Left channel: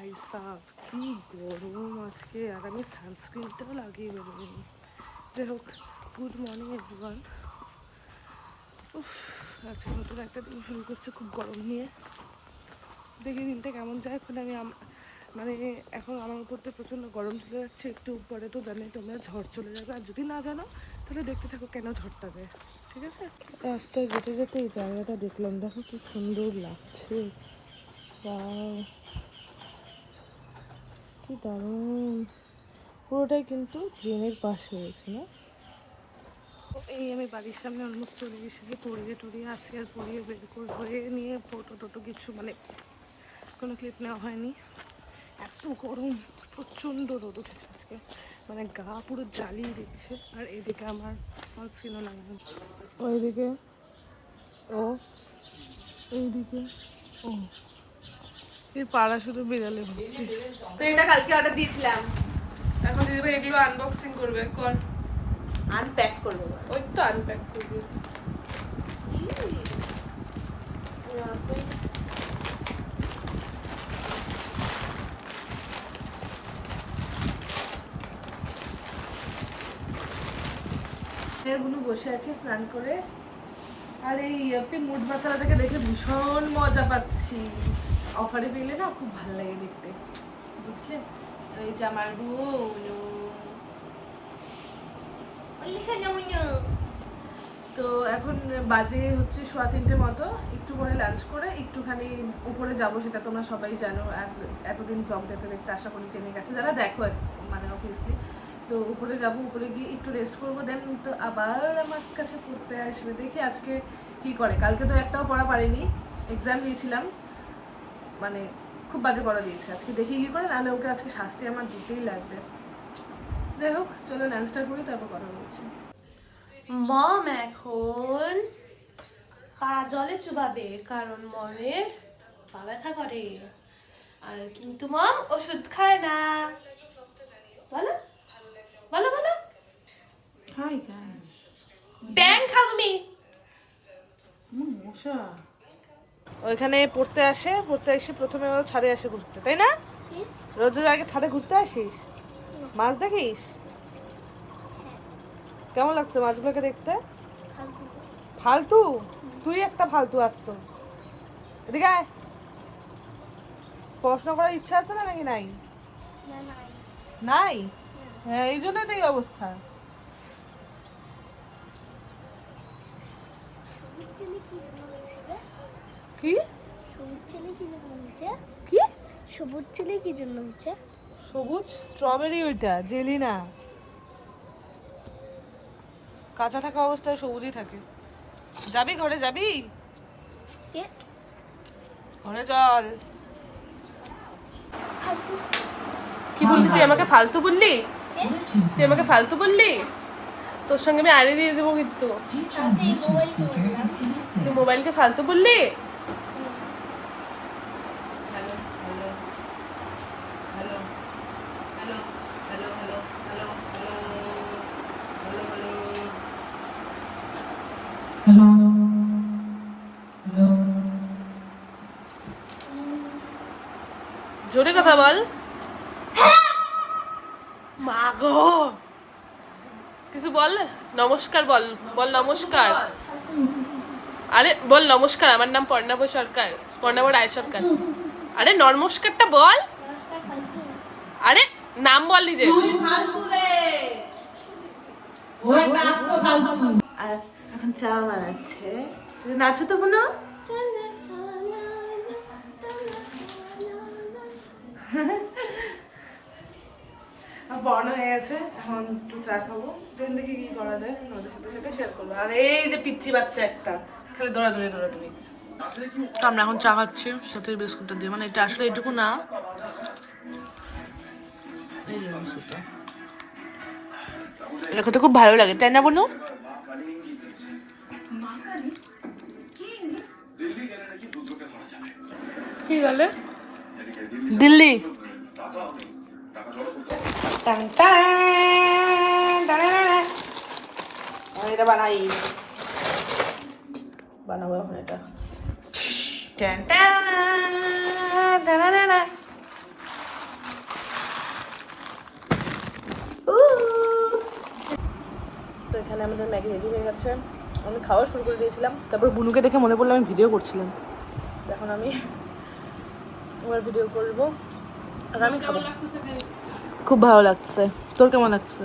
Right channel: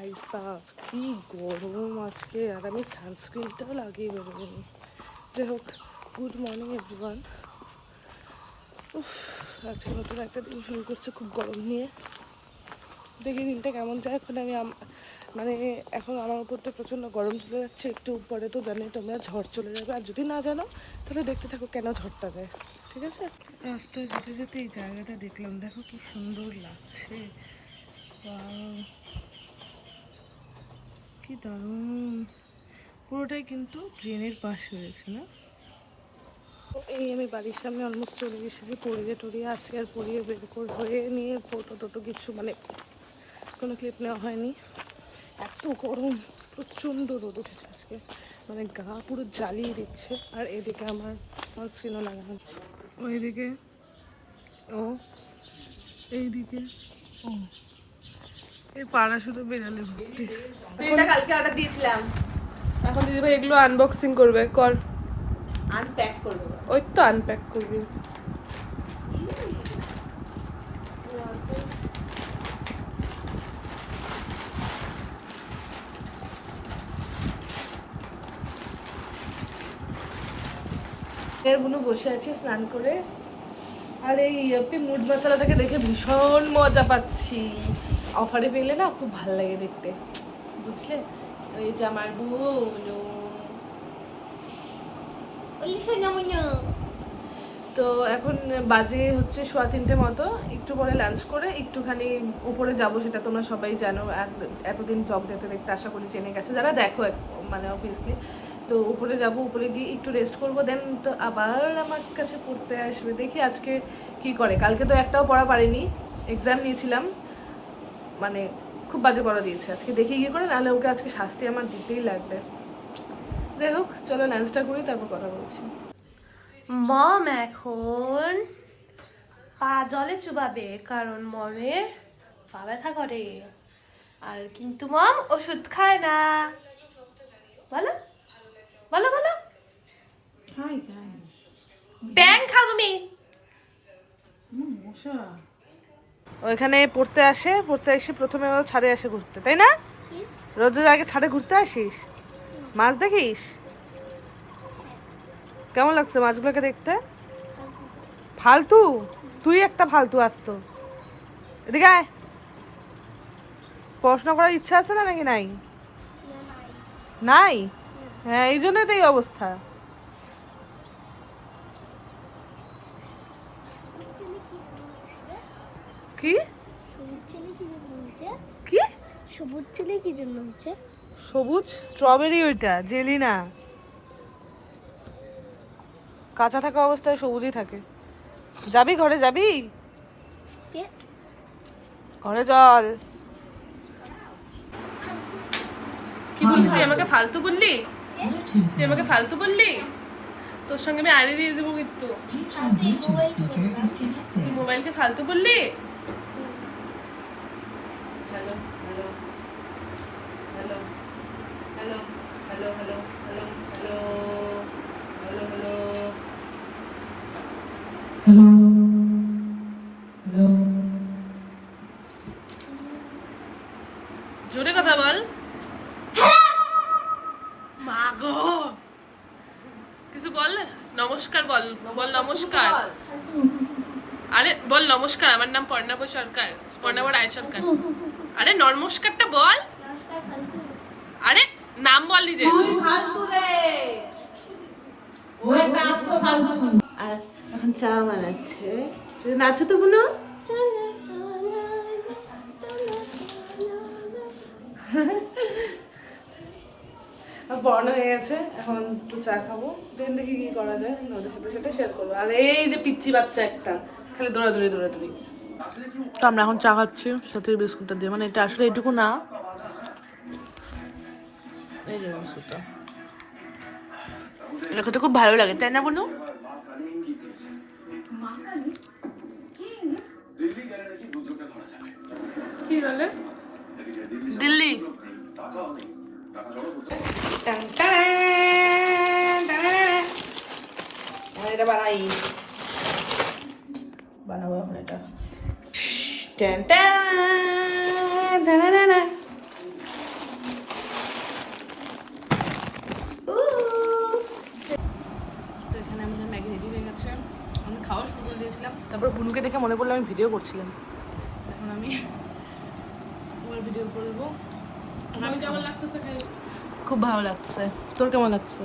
ভাই সাব কি গরম আজকে, আর আমি সানস্ক্রিনটাও লাগিয়ে বেরোইনি। যাই হোক, গুড মর্নিং এভরিওয়ান। আজকে নতুন একটা দিন শুরু করছে খুব গরম নিয়ে। দেখি দিনটা কেমন যায়। এখন আমি মানে এখন আমার উপর তো প্রচণ্ড গরম চলে যাচ্ছে, একটু পরে তো জানি তোমরা ঝড় চলে যাবে, আর যদি না জানো তাহলে দেখতে থাকো কেন ঝড়টা যায়, ঠিক আছে? রাস্তায় যেতে যেতে এই জায়গাটা দেখলাম, দেখো কি সুন্দর লাগছে, কি দারুণ। পুরোটাই কিন্তু ড্রেনের পাশ হয়েছে না। এই আমি বাড়ির সামনে অলমোস্ট চলে এসেছি, পড়িয়ে টড়িয়ে আজকে আর পড়িয়ে বের করে হয়ে নিয়ে ফটো টোটো কিছু মানে কোনো ক্লিপ নেওয়া হয়নি। এত গরম, প্রচণ্ড রোদ উঠেছে আজকে, মানে গা পুরো জ্বালিয়ে দিচ্ছে। আর এদিকে আমার সানস্ক্রিনও লাগানো, ওইদিকে ও এইদিকে ও, এই পাড়া শুধু বেড়ালে ভর্তি। তো এটা কালকে অর্ডার দিয়েছিলাম, এখন দিদিভাই এগুলো আনবক্সিং করবে, কর আনপ্যাক করবে। ওই তো আনপ্যাক করবি। এর বুনু বসে আছে স্নান করে, আর এই ইয়াপি মুড মশলাটাকে দেখে ভীষণ মজা পাচ্ছি। অফারে পেলে না খুব ভালো লাগে দেখতে, বুঝলে? আর এই যে আমার বুনু, তো এখন বাজে হচ্ছে 3:15 মতো। একটু পরে লাঞ্চ করে একটুখানি উপরে যাব, সেটা তোমরা সবাই জানো, আর এতদিন ব্লগ দেখতে দেখতে আশা করি জেনে গেছো যারা দেখো, মানে অবভিয়াসলি। তো উপরে যাব, উপরে গিয়ে একটু রেস্ট করবো, দেন তো আবার আমার কাছে পড়তে আসবে। দেখি আজকে কি করে। কালকে তো একটাও পড়া পারিনি, এক্সাম নিয়েছিলাম, মানে খুব বাজে পড়া দিয়েছে। আজকে দেখি কি করে, নাহলে ওকে আজকে শাস্তি আমার দিতেই লাগবে। যাই হোক, চলো লাঞ্চটা করি, তারপর কথা বলছি। মম এখন পা জলে চুবাবে, কারণ মমের পা ব্যথা করে। আর কিন্তু মম ওষুধ খায় না। বলো বলো বলো। হাই গাইস, ব্যাং খাও তুমি। মশা ওইখানে পড়তে এসে প্রথমে ও ছাদে আসে ঘুরতে, তাই না? রোজ রোজ আগে ছাদে ঘুরতে আসিস, মাছ দেখিস? কেমন লাগছে মাছগুলোকে দেখতে? ফালতু? তুই একটা ফালতু আসতো। এদিকে আয়। পড়াশোনা করার ইচ্ছা আছে না নাকি নাই? নাই? হ্যাঁ, এই জন্যই তো এই অবস্থা। কি কি সবুজ ছেলে কি জন্য হচ্ছে? সবুজ স্ট্রবেরি, ওইটা জেলি না, কাঁচা থাকা অবস্থায় সবুজই থাকে। যাবি ঘরে, যাবি ঘরে? চল। কি বললি তুই? আমাকে ফালতু বললি? তুই আমাকে ফালতু বললি? তোর সঙ্গে আমি আড়ে দিয়ে দেবো কিন্তু। তুই মোবাইলকে ফালতু বললি? জোরে কথা বল। মা গো, কিছু বল। নমস্কার বল, বল নমস্কার। আরে বল নমস্কার, আমার নাম পর্ণাভ সরকার, পর্ণাভ রায় সরকার। আরে নমস্কারটা বল। আরে নাম বল নিজে। আর এখন চা বানাচ্ছে, নাচো তো বোনো। পড়ানো হয়ে গেছে, এখন একটু চা খাবো, দেন দেখি কি করা যায়, ওদের সাথে সেটা শেয়ার করবো। আর এই যে পিচ্চি বাচ্চা একটা খালি দৌড়াদৌড়ি। তো আমরা এখন চা খাচ্ছি সাথে বিস্কুটটা দিয়ে, মানে এটা আসলে এটুকু না, এই যে বিস্কুটটা, এটা খেতে খুব ভালো লাগে, তাই না বোনু? কি বলে দিল্লি? এটা বানাবো এখন এটা। হচ্ছে আমি খাওয়া শুরু করে দিয়েছিলাম, তারপর বুনুকে দেখে মনে পড়লো আমি ভিডিও করছিলাম, তো এখন আমি এবার ভিডিও করবো। আর আমি কেমন লাগতেছে? খুব ভালো লাগছে। তোর কেমন লাগছে?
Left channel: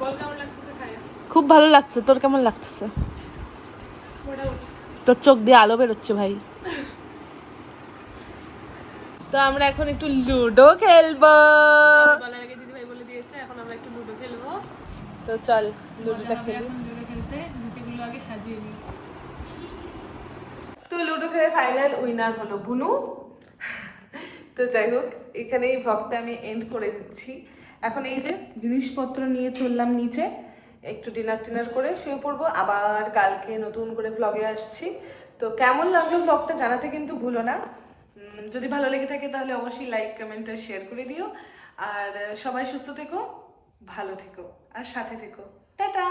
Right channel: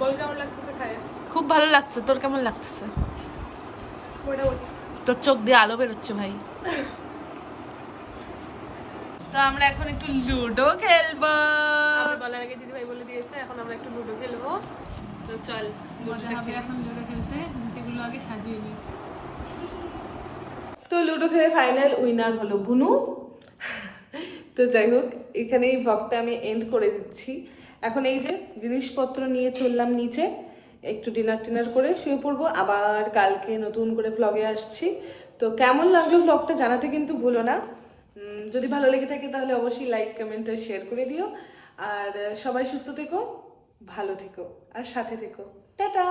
বল কেমন লাগতেছে খায়? খুব ভালো লাগছে। তোর কেমন লাগতেছে? তোর চোখ দিয়ে আলো বেরোচ্ছে ভাই। তো আমরা এখন একটু লুডো খেলবো। বলার আগে দিদি ভাই বলে দিয়েছে এখন আমরা একটু লুডো খেলবো। তো চল লুডোটা খেলি। এখন লুডো খেলতে গুটিগুলো আগে সাজিয়ে নিই। তো লুডো খেলে ফাইনাল উইনার হলো বুনু। তো যাই হোক, এখানে এই ভ্লগটা আমি এন্ড করে দিচ্ছি। এখন এই যে জিনিসপত্র নিয়ে চললাম নিচে, একটু ডিনার করে শুয়ে পড়বো। আবার কালকে নতুন করে ভ্লগে আসছি। তো কেমন লাগলো ভ্লগটা জানাতে কিন্তু ভুলো না। যদি ভালো লেগে থাকে তাহলে অবশ্যই লাইক কমেন্ট আর শেয়ার করে দিও। আর সবাই সুস্থ থেকো, ভালো থেকো আর সাথে থেকো। টাটা।